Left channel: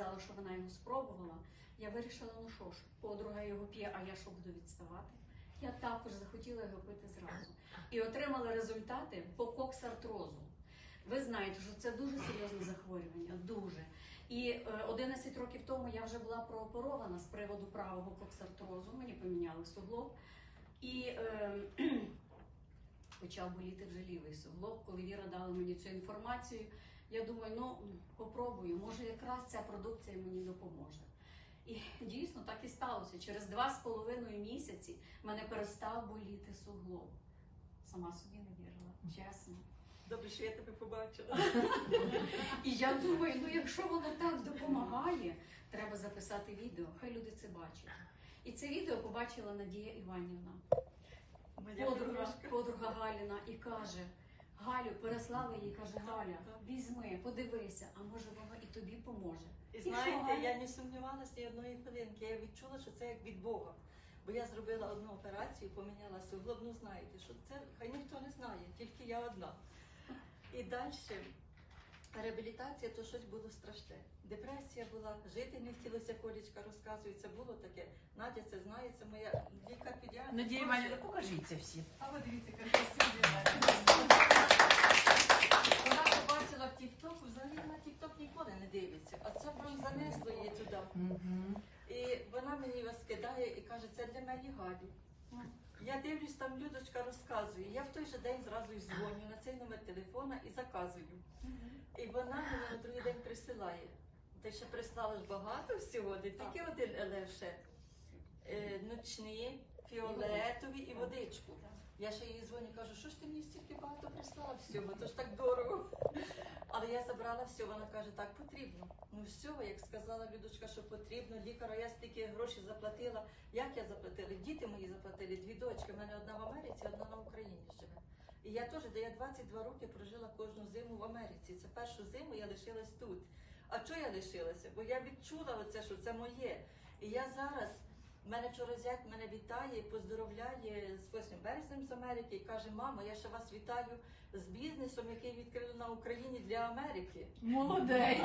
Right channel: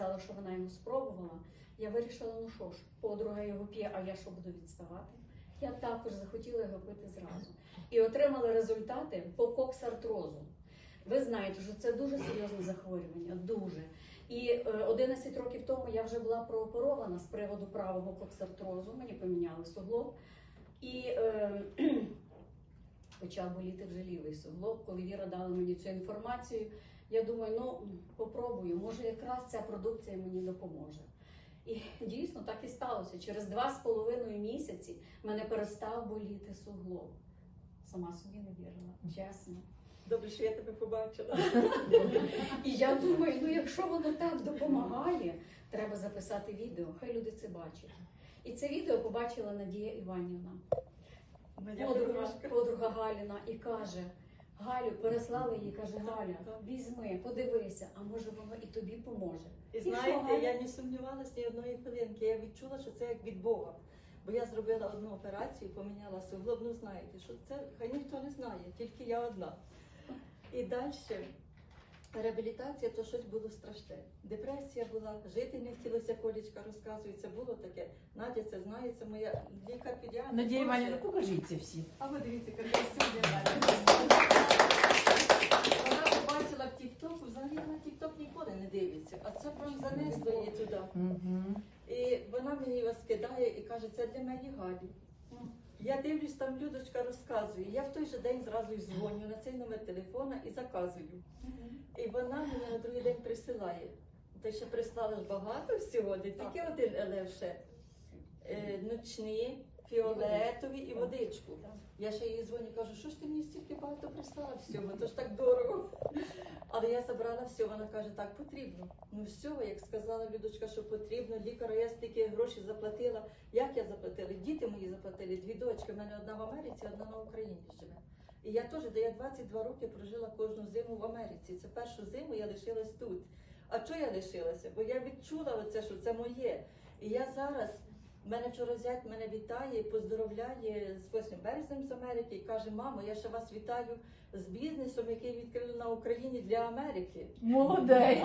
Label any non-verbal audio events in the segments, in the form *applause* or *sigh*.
сказала, що вона його спробувала. Я вирішила, ну що ж, подруга його п'є, а я що буду відставати? Я також захотіла його пити зразу. І отримала результати по коксартрозу. Ви знаєте, що це дуже серйозне захворювання, дуже. І е, 11 років тому я вже була прооперована з приводу правого коксартрозу, мені поміняли суглоб. І е, почав боліти вже лівий суглоб. Коли Віра дала мені цю інформацію, я думаю, ну попробую, може якраз ця продукція мені допоможе. І дійсно так і сталося. Через два з половиною місяці мене перестав боліти суглоб. Сама собі не вірила, чесно. Добре, що я тебе побачила. *laughs* І я думаю, ну якщо воно так допомагає, треба записати відео, хай люди це бачать. І це відео побачила Надія Іванівна, подруга, подруга Галіна, і каже: Галю, переслала їй, каже, Галя, візьми, подивися, а може воно і тобі поможе. І І знаєте, я не сумнівалася ні одної хвилинки. Я відчула, що це як від Бога. Бо я зробила одну операцію, поміняла суглоб. Ну знаєте, що це хай ніхто не знає, тільки я одна. І далі реабілітація то щось було страшне. Депресія була, жити не хотілося, колічка розказує, це було таке. Надя це знає, це моя лікар педіатр. Надія Іванівна, покажіть це всі. А ви дивіться, яка. Вона побачила в Тік-Току, взагалі вона Тік-Ток ніколи не дивиться, а це прям занесло її туди. І вона мені вас кидає і каже, це для моєї Галі. Я дивлюсь, там Людочка розказує. Я в той же день зразу й дзвоню на цей номер телефона і заказую. І вона мені на другий день присилає. Ти ще прислала ж багато всього, не тільки один елевше. Е, ночні, фіолетові і водичку. Я ще їй дзвоню, кажу, що ж ти мені стільки багато прислала всього, то ж так дорого. Але я забрала все, вона каже, так потрібно. Ну все, як сказала Людочка, що потрібно, лікару, я стільки грошей заплатила. Як я заплатила? Діти мої заплатили, дві дочки. У мене одна в Америці, одна на Україні живе. І я теж, де я 22 роки прожила кожну зиму в Америці. Це першу зиму я лишилась тут. А чого я лишилася? Бо я відчула оце, що це моє. І я зараз. Мене вчора зять мене вітає, поздоровляє з 8 березнем з Америки і каже, мамо, я ще вас вітаю з бізнесом, який відкрили на Україні для Америки. Молодець. *laughs*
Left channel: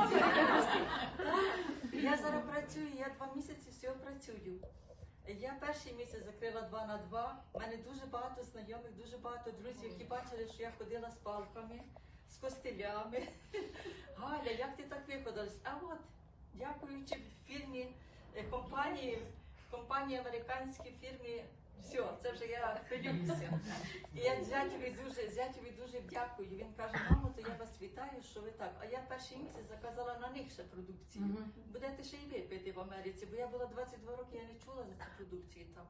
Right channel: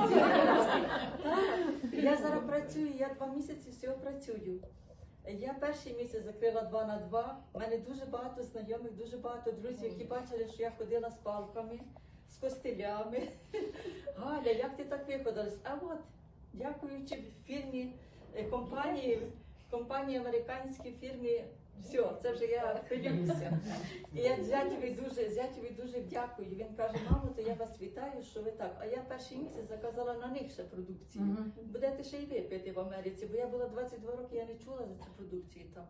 Я зараз працюю, я два місяці всього працюю. Я перший місяць закрила два на два. У мене дуже багато знайомих, дуже багато друзів, які бачили, що я ходила з палками, з костилями. *laughs* Галя, як ти так виходилась? А от, дякуючи фірмі е, компанії, компанії американській фірмі. Все, це вже я хвилююся. І я зятєві дуже, зятєві дуже дякую. Він каже, мамо, то я вас вітаю, що ви так. А я перший місяць заказала на них ще продукцію. Будете ще й ви пити в Америці, бо я була 22 роки, я не чула за цю продукцію там.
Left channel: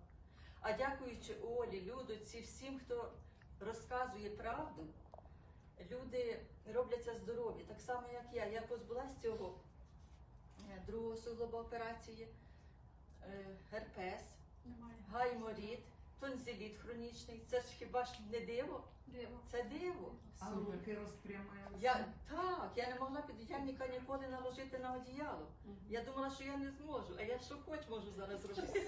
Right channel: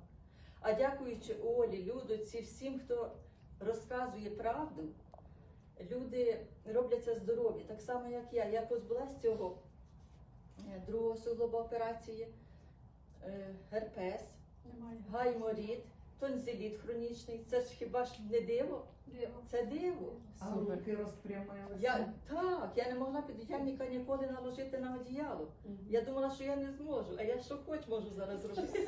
А дякуючи Олі, Людоці, всім, хто розказує правду, люди робляться здорові. Так само, як я. Я позбулась цього е, другого суглоба операції, герпес, Немає. гайморіт, тонзиліт хронічний. Це ж хіба ж не диво? Це диво. А руки розпрямилися. Я так, я не могла під яніка ніколи наложити на одіяло. Я думала, що я не зможу, а я що хоч можу зараз робити.